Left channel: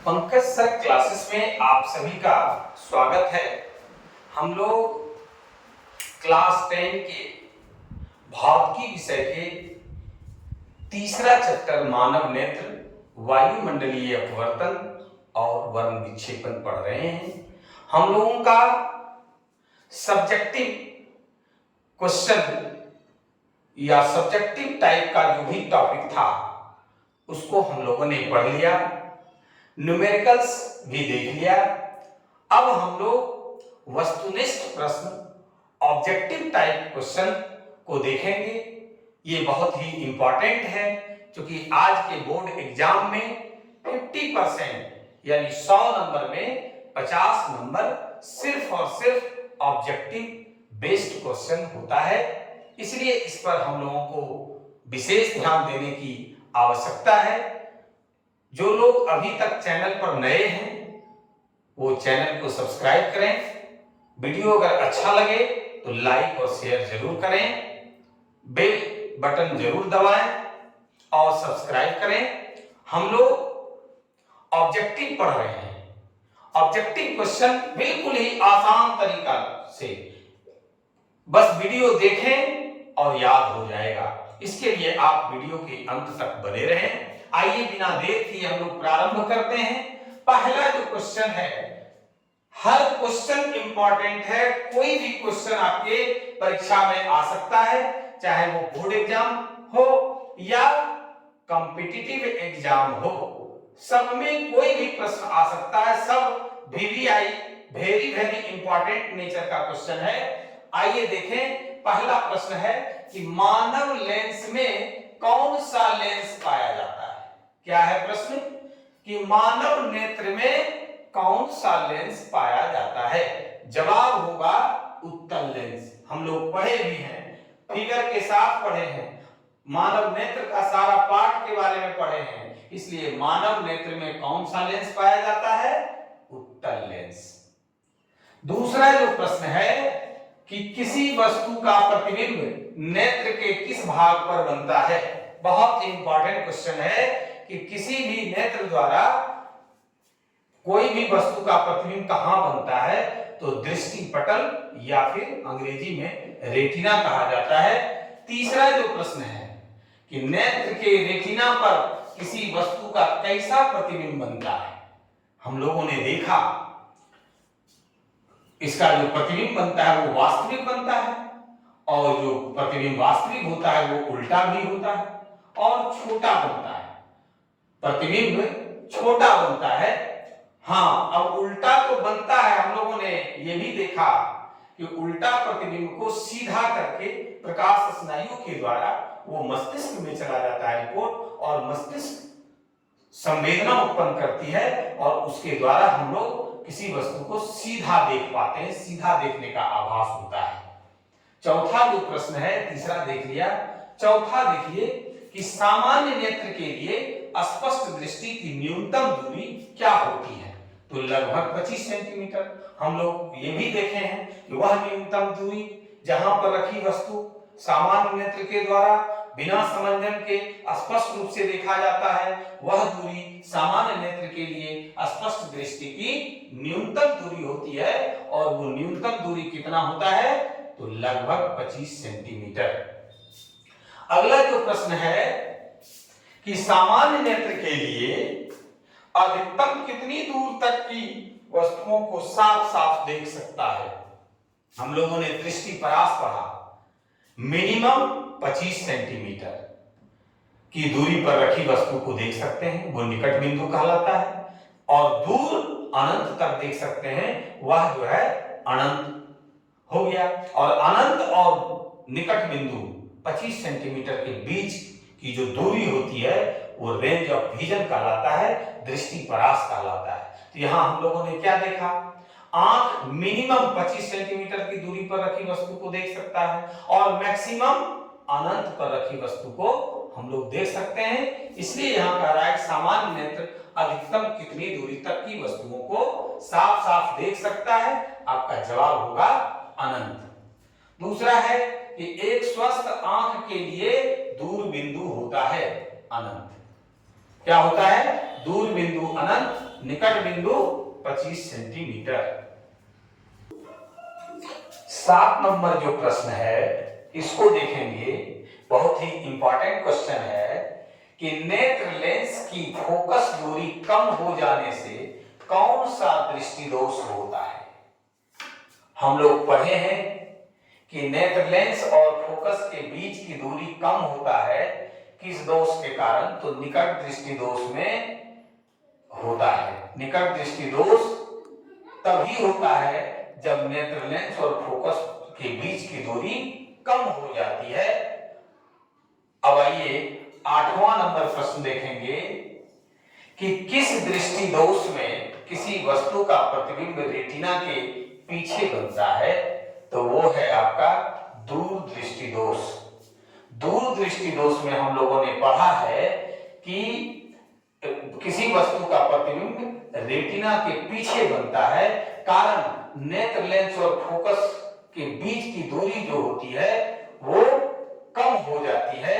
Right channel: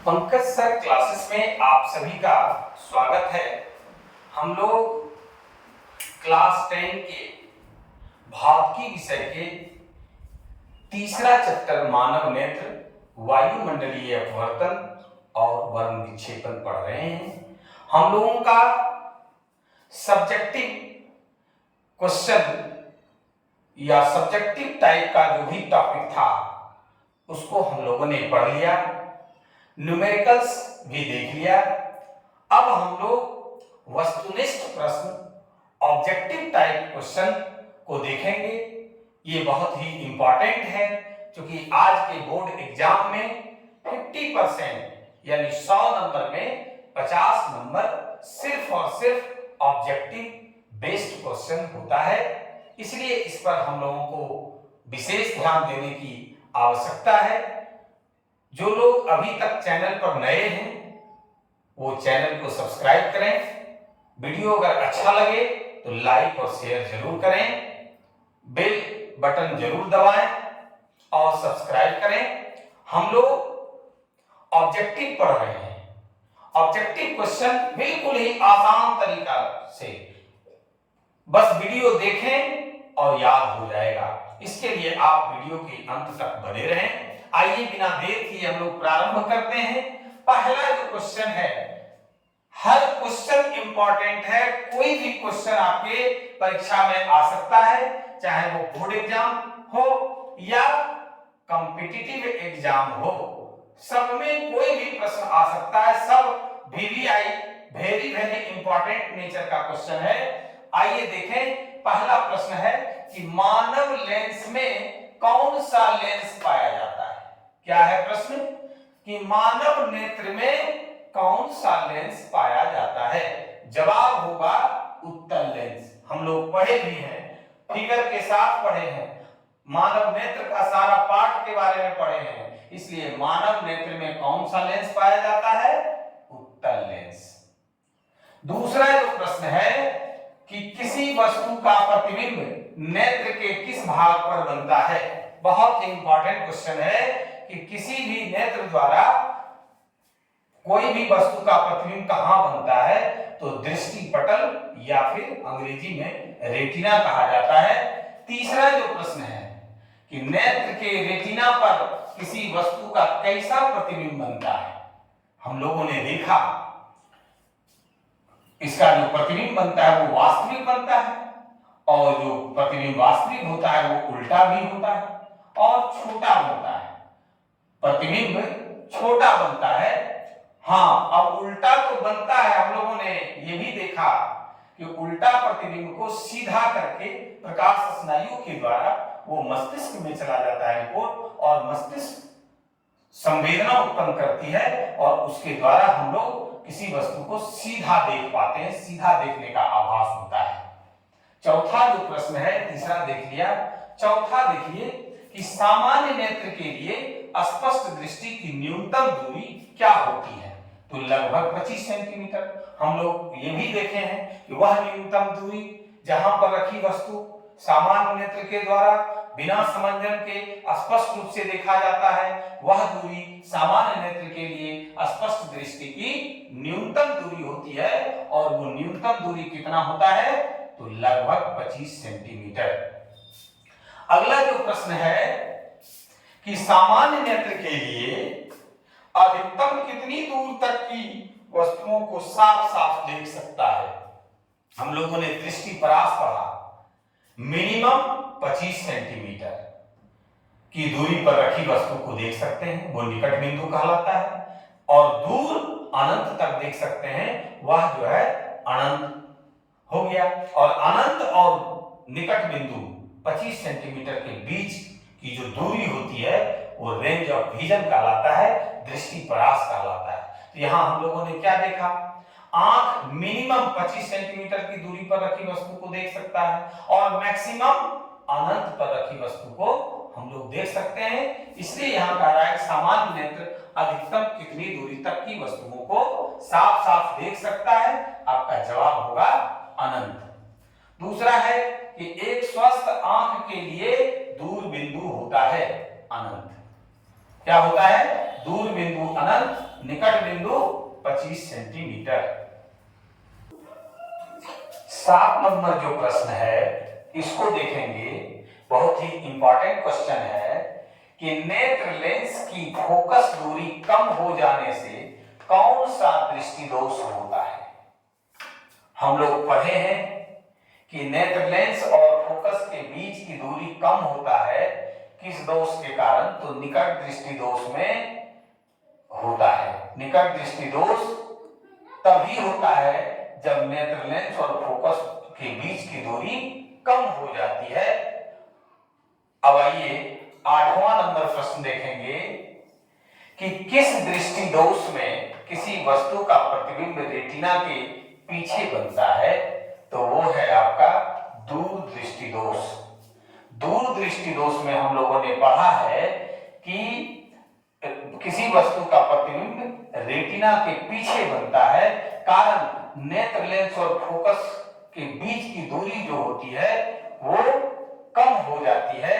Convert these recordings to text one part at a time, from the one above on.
Pankaj sir classes में आप सभी का स्वागत है। हम लोग क्लास 10 के भौतिकी विषय के तीसरा चैप्टर मानव नेत्र, वायुमंडलीय अपवर्तन और वर्ण विक्षेपण पढ़ रहे हैं। हम लोगों का सब्जेक्टिव क्वेश्चन या सब्जेक्टिव टाइप का जो भी टॉपिक था उसको हम लोगों ने पढ़ लिया, न्यूमेरिकल्स भी देख लिया। अब हम लोग वस्तुनिष्ठ प्रश्न, ऑब्जेक्टिव टाइप क्वेश्चन को देखेंगे। ये बहुत ही इंपॉर्टेंट है क्योंकि आज के बोर्ड एग्जाम में 50% यानी 100 नंबर में 50 नंबर सिर्फ और सिर्फ ऑब्जेक्टिव बेस्ड क्वेश्चन होता है। इसलिए इस पर हम लोगों को विशेष ध्यान देने की आवश्यकता है। जो लोग अभी तक चैनल पर नए हैं वो चैनल को सब्सक्राइब करें। वीडियो अगर अच्छा लगे तो लाइक और शेयर जरूर करें, बेल बटन जरूर दबाएं और सब्सक्राइब करें। हम लोग ऑब्जेक्टिव पढ़ रहे हैं। ऑब्जेक्टिव क्वेश्चन बिल्कुल ही आसान तरीका से बस वीडियो देखें और याद हो जाएगा। इसके लिए आप वीडियो के अंत तक बने रहें। आइए बिना देर किए हम लोग प्रारंभ करते हैं। पहला जो क्वेश्चन है, हर क्वेश्चन इंपॉर्टेंट है। कोई भी क्वेश्चन आपके परीक्षा में आ सकता है, चाहे वो बोर्ड एग्जाम हो या कॉम्पिटिटिव एग्जाम हो, सब में कोई भी प्रश्न आ सकता है। सब VVI very very important nature का क्वेश्चन है। आइए देखें। पहला प्रश्न है कि मानव लेंस में कौन सा लेंस पाया जाता है। क्या है प्रश्न कि मानव नेत्र में कौन सा लेंस पाया जाता है। जवाब होगा उत्तल लेंस। हम लोग पढ़े भी हैं, फिगर के साथ पढ़े हैं, मानव नेत्र का सारा पार्ट के बारे में पढ़े हैं। इसलिए मानव नेत्र में कौन सा लेंस पाया जाता है, उत्तल लेंस। दूसरा जो प्रश्न है कि किसी वस्तु का प्रतिबिंब नेत्र के किस भाग पर बनता है। बहुत इंपॉर्टेंट क्वेश्चन है कि किसी भी नेत्र द्वारा कोई भी वस्तु का प्रतिबिंब कहां बनता है, तो दृष्टि पटल या फिर अंग्रेजी में रेटिना कहा जाता है। तीसरा जो प्रश्न है कि नेत्र के रेटिना पर किसी वस्तु का कैसा प्रतिबिंब बनता है। हम लोगों ने देखा इसका जो प्रतिबिंब बनता है वो वास्तविक बनता है, और जो प्रतिबिंब वास्तविक होता है वो उल्टा भी होता है और छोटा बनता है। प्रतिबिंब छोटा बनता है। हाँ, अब उल्टा तो बनता है। हम लोगों ने ये भी देखा कि उल्टा प्रतिबिंब को सीधा करके प्रकाश स्नायु के द्वारा वो मस्तिष्क में चला जाता है रिपोर्ट, और मस्तिष्क संवेदना उत्पन्न करती है और उसके द्वारा हम लोग किसी वस्तु को सीधा देख पाते हैं। सीधा देखने का आभास होता है। चौथा जो प्रश्न है, तीसरा देख लिया। चौथा देखिए कि सामान्य नेत्र के लिए स्पष्ट दृष्टि की न्यूनतम दूरी क्या होती है, तो लगभग 25 सेंटीमीटर। हम लोग ये भी देखे हैं कि वह न्यूनतम दूरी जहां पर रखी वस्तु सामान्य नेत्र के द्वारा बिना समंजन के स्पष्ट रूप से देखा जाता है, वह दूरी सामान्य नेत्र के लिए स्पष्ट दृष्टि की न्यूनतम दूरी होती है। और वो न्यूनतम दूरी कितना होता है, तो लगभग 25 सेंटीमीटर। अगला जो प्रश्न है कि सामान्य नेत्र के लिए अधिकतम कितनी दूर तक की वस्तुओं को साफ साफ देख सकता है। हम लोगों ने दृष्टि परास पढ़ा। मिनिमम 25 सेंटीमीटर की दूरी पर रखी वस्तु को देख सकते हैं, वो निकट बिंदु कहलाता है। और दूर अनंत तक देख सकते हैं, वह जो है अनंत हो गया। और अनंत और निकट बिंदु 25 सेंटीमीटर के बीच की जो दूरी होती है वो रेंज ऑफ विजन कहलाता है, दृष्टि परास कहलाता है। तो यहां हम लोगों ने क्या देखा, आंख मिनिमम 25 सेंटीमीटर की दूरी पर रखी वस्तु को देख सकता है और मैक्सिमम अनंत पर रखी वस्तु को हम लोग देख सकते हैं। इसलिए यहां कह रहा है कि सामान्य नेत्र अधिकतम कितनी दूरी तक की वस्तुओं को साफ साफ देख सकता है। आपका जवाब होगा अनंत। दूसरा है कि एक स्वस्थ आंख के लिए दूर बिंदु होता है अनंत। क्या होता है, दूर बिंदु अनंत, निकट बिंदु 25 सेंटीमीटर। 7 नंबर जो प्रश्न है इसको देखेंगे, बहुत ही इंपॉर्टेंट क्वेश्चन है कि नेत्र लेंस की फोकस दूरी कम हो जाने से कौन सा दृष्टि दोष होता है। हम लोग पढ़े हैं कि नेत्र लेंस और फोकस के बीच की दूरी कम होता है किस दोष के कारण, तो निकट दृष्टि दोष में होता है। निकट दृष्टि दोष तभी होता है जब नेत्र लेंस और फोकस के बीच की दूरी कम हो जाती है। अब आइए 8वां नंबर प्रश्न देखेंगे कि किस दृष्टि दोष में किसी वस्तु का प्रतिबिंब रेटिना के पीछे बनता है, तो वो है आपका दूर दृष्टि दोष। दूर दृष्टि दोष में हम लोगों ने पढ़ा है कि किसी वस्तु का प्रतिबिंब रेटिना के पीछे बनता है, कारण नेत्र लेंस और फोकस के बीच की दूरी जो होती है वो कम हो जाती है।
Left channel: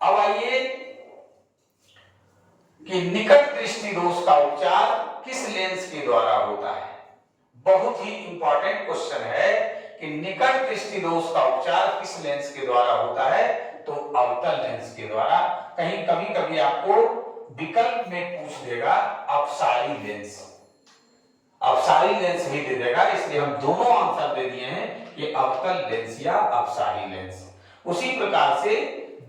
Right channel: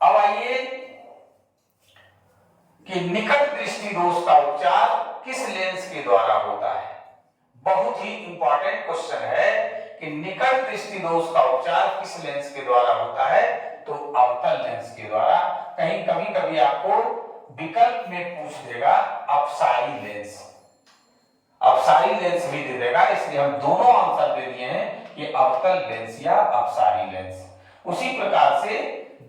अब आइए कि निकट दृष्टि दोष का उपचार किस लेंस के द्वारा होता है। बहुत ही इंपॉर्टेंट क्वेश्चन है कि निकट दृष्टि दोष का उपचार किस लेंस के द्वारा होता है, तो अवतल लेंस के द्वारा। कहीं कभी आपको विकल्प में पूछ देगा अपसारी लेंस, अपसारी लेंस भी दे देगा, इसलिए हम दोनों आंसर दे दिए हैं कि अवतल लेंस या अपसारी लेंस। उसी प्रकार से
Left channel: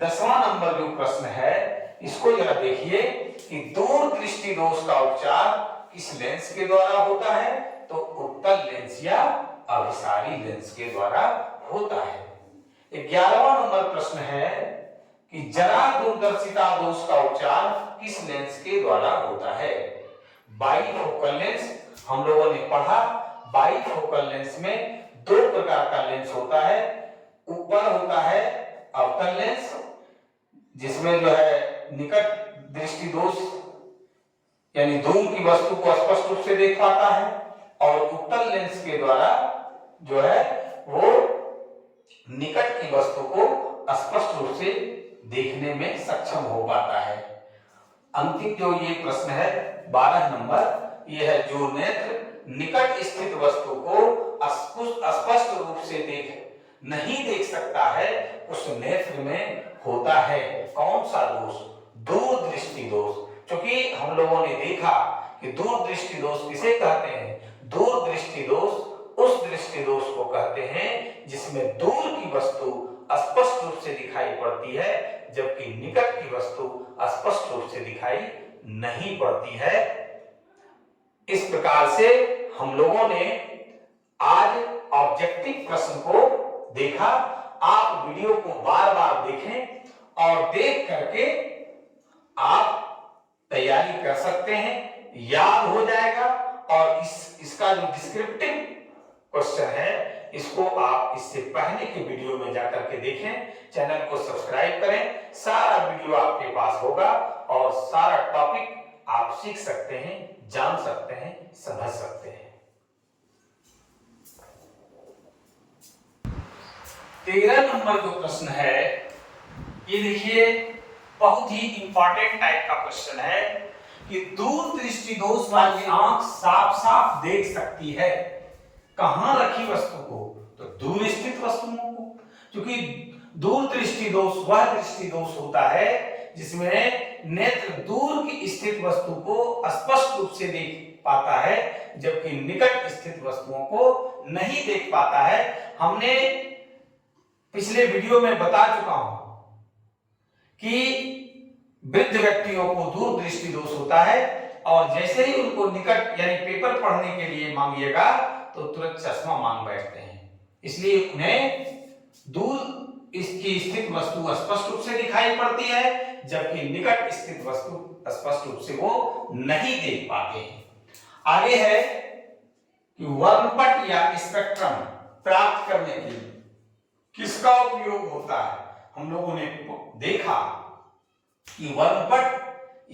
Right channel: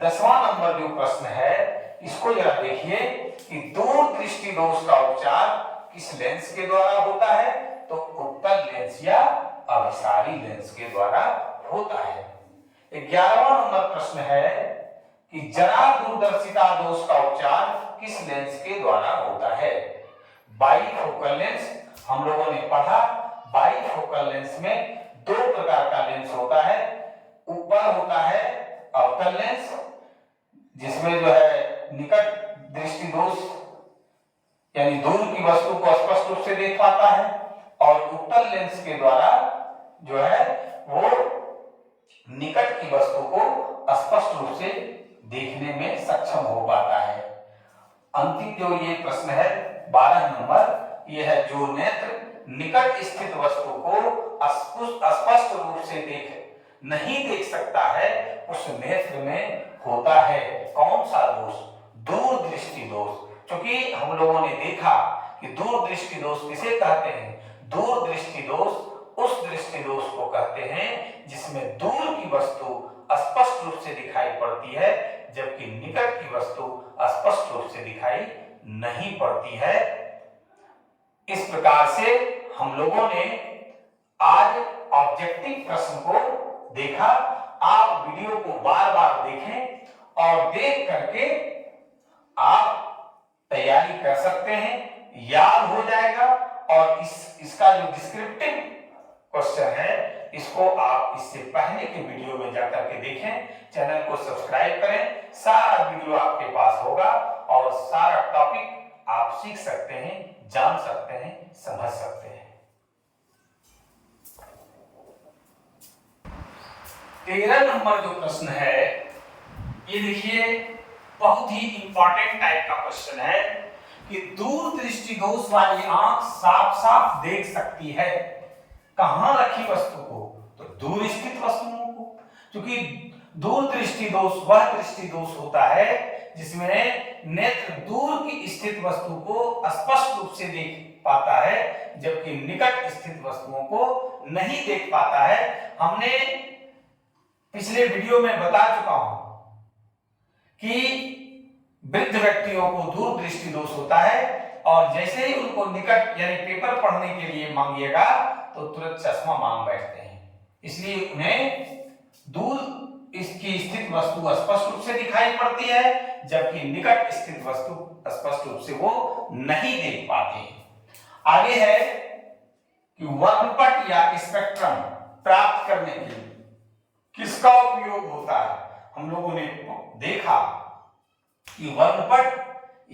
10वां नंबर जो प्रश्न है इसको जरा देखिए कि दूर दृष्टि दोष का उपचार किस लेंस के द्वारा होता है, तो उत्तल लेंस या अभिसारी लेंस के द्वारा होता है। 11वां नंबर प्रश्न है कि जरा दूरदर्शिता दोष का उपचार किस लेंस के द्वारा होता है। बाईफोकल लेंस हम लोगों ने पढ़ा, बाईफोकल लेंस में 2 प्रकार का लेंस होता है। ऊपर होता है अवतल लेंस जिसमें जो है निकट दृष्टि दोष यानी दूर की वस्तु को स्पष्ट रूप से देख पाता है, और उत्तल लेंस के द्वारा जो है वो निकट की वस्तु को स्पष्ट रूप से देखने में सक्षम हो पाता है। अंतिम जो ये प्रश्न है 12 नंबर, ये है जो नेत्र निकट स्थित वस्तु को स्पष्ट रूप से नहीं देख सकता है उस नेत्र में होता है कौन सा दोष, दूर दृष्टि दोष। क्योंकि हम लोगों ने देखा कि दूर दृष्टि दोष किसे कहते हैं, दूर दृष्टि दोष उस दृष्टि दोष को कहते हैं जिसमें दूर की वस्तु स्पष्ट रूप से दिखाई पड़ती है जबकि निकट की वस्तु स्पष्ट रूप से दिखाई नहीं पड़ती है। इस प्रकार से हम लोगों ने आज ऑब्जेक्टिव प्रश्न को देखा। आप वीडियो को बार बार देखें और देख करके आप तैयारी कर सकते हैं, याद हो जाएगा। और इसका जो डिस्क्रिप्टिव क्वेश्चन है इसको आप इससे पहले के वीडियो में जाकर के देखें, चैनल को सब्सक्राइब करें, सारा वीडियो आपके पास होगा और सारा टॉपिक आप सीख सकते हैं, जान सकते हैं, समझ सकते हैं। 13 नंबर जो प्रश्न है ये देखिए बहुत ही इंपॉर्टेंट टाइप का क्वेश्चन है कि दूर दृष्टि दोष वाली आंख साफ साफ देख सकती है कहां रखी वस्तु को, तो दूर स्थित वस्तुओं को। क्योंकि दूर दृष्टि दोष वह दृष्टि दोष होता है जिसमें नेत्र दूर की स्थित वस्तु को स्पष्ट रूप से देख पाता है जबकि निकट स्थित वस्तुओं को नहीं देख पाता है। हमने पिछले वीडियो में बता चुका हूं कि वृद्ध व्यक्तियों को दूर दृष्टि दोष होता है और जैसे ही उनको निकट यानी पेपर पढ़ने के लिए मांगिएगा तो तुरंत चश्मा मांग बैठते हैं। इसलिए उन्हें दूर इसकी स्थित वस्तु स्पष्ट रूप से दिखाई पड़ती है जबकि निकट स्थित वस्तु स्पष्ट रूप से वो नहीं देख पाते हैं। आगे है कि वर्णपट या स्पेक्ट्रम प्राप्त करने के लिए किसका उपयोग होता है। हम लोगों ने देखा कि वर्णपट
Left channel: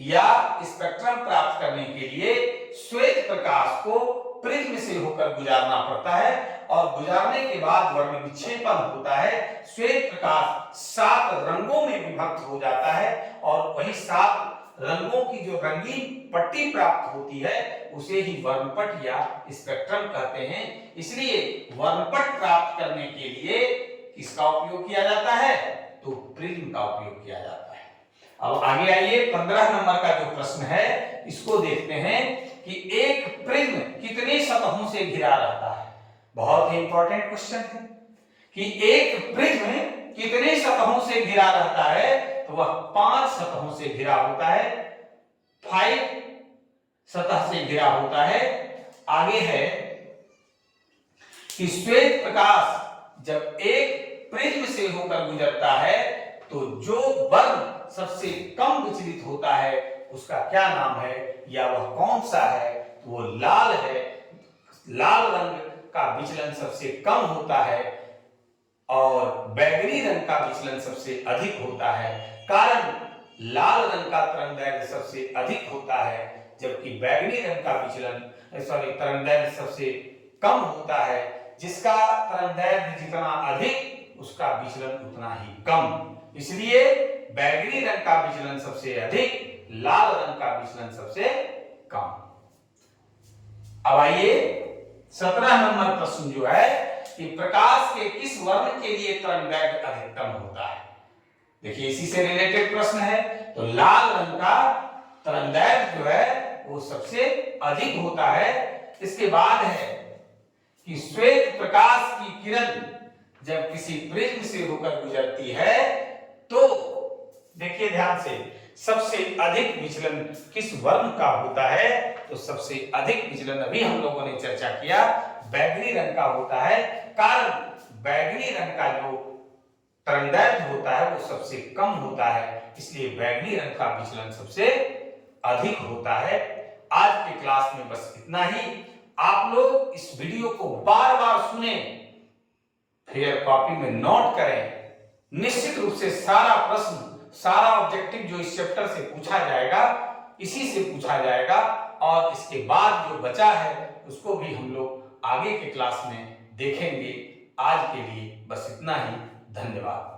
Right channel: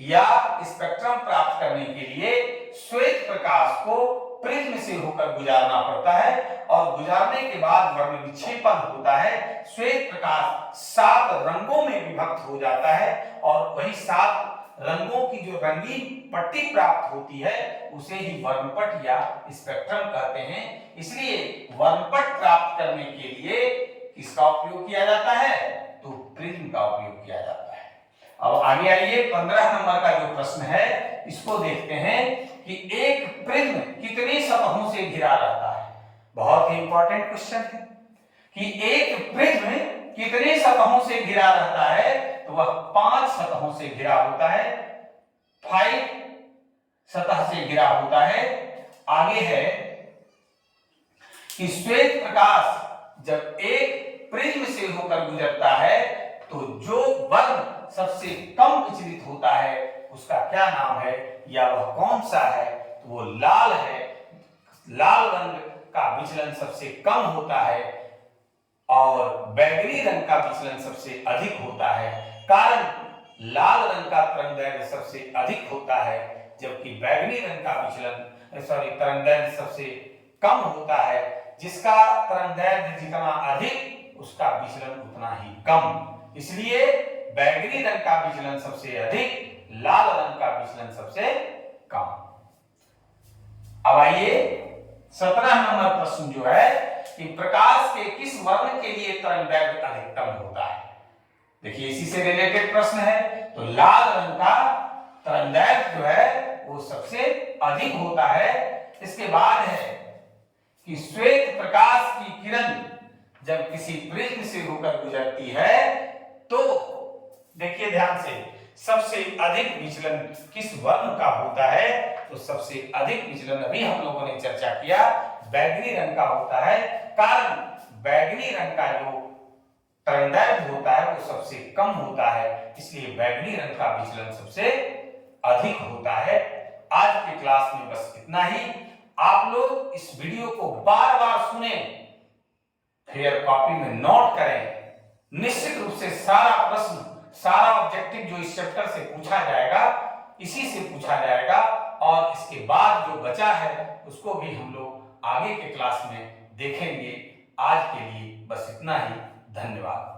या स्पेक्ट्रम प्राप्त करने के लिए श्वेत प्रकाश को प्रिज्म से होकर गुजारना पड़ता है और गुजारने के बाद वर्ण विक्षेपण होता है। श्वेत प्रकाश 7 रंगों में विभक्त हो जाता है और वही 7 रंगों की जो रंगीन पट्टी प्राप्त होती है उसे ही वर्णपट या स्पेक्ट्रम कहते हैं। इसलिए वर्णपट प्राप्त करने के लिए किसका उपयोग किया जाता है? तो प्रिज्म का उपयोग किया जाता है। अब आगे आइए, 15 नंबर का जो प्रश्न है इसको देखते हैं कि एक प्रिज्म कितनी सतहों से घिरा रहता है। बहुत ही इंपॉर्टेंट क्वेश्चन है कि एक प्रिज्म कितनी सतहों से घिरा रहता है, तो वह 5 सतहों से घिरा होता है, 5 सतह से घिरा होता है। आगे है कि श्वेत प्रकाश जब एक प्रिज्म से होकर गुजरता है तो जो वर्ग सबसे कम विचलित होता है उसका क्या नाम है या वह कौन सा है? तो वो लाल है। लाल रंग का विचलन सबसे कम होता है और बैगनी रंग का विचलन सबसे अधिक होता है। कारण लाल रंग का तरंगदैर्घ्य सबसे अधिक होता है जबकि बैगनी रंग का तरंगदैर्घ्य सबसे कम होता है। जिसका तरंगदैर्घ्य जितना अधिक उसका विचलन उतना ही कम। इसलिए बैगनी रंग का विचलन सबसे अधिक, लाल रंग का विचलन सबसे कम। अब आइए 17 नंबर प्रश्न जो है कि प्रकाश के किस वर्ण के लिए तरंगदैर्घ्य अधिकतम होता है। देखिए इसी से रिलेटेड प्रश्न है। तो लाल रंग का तरंगदैर्घ्य जो है वो सबसे अधिक होता है। इसके बाद है कि श्वेत प्रकाश की किरण जब किसी प्रिज्म से होकर गुजरती है तो देखिए ध्यान से, सबसे अधिक विचलन किस वर्ण का होता है? तो सबसे अधिक विचलन अभी हम लोगों ने चर्चा किया बैगनी रंग का होता है। कारण बैगनी रंग का जो तरंगदैर्घ्य होता है वो सबसे कम होता है, इसलिए बैगनी रंग का विचलन सबसे अधिक होता है। आज के क्लास में बस इतना ही। आप लोग इस वीडियो को बार बार सुने, फिर कॉपी में नोट करें। निश्चित रूप से सारा प्रश्न, सारा ऑब्जेक्टिव जो इस चैप्टर से पूछा जाएगा इसी से पूछा जाएगा और इसके बाद जो बचा है उसको भी हम लोग आगे के क्लास में देखेंगे। आज के लिए बस इतना ही। धन्यवाद।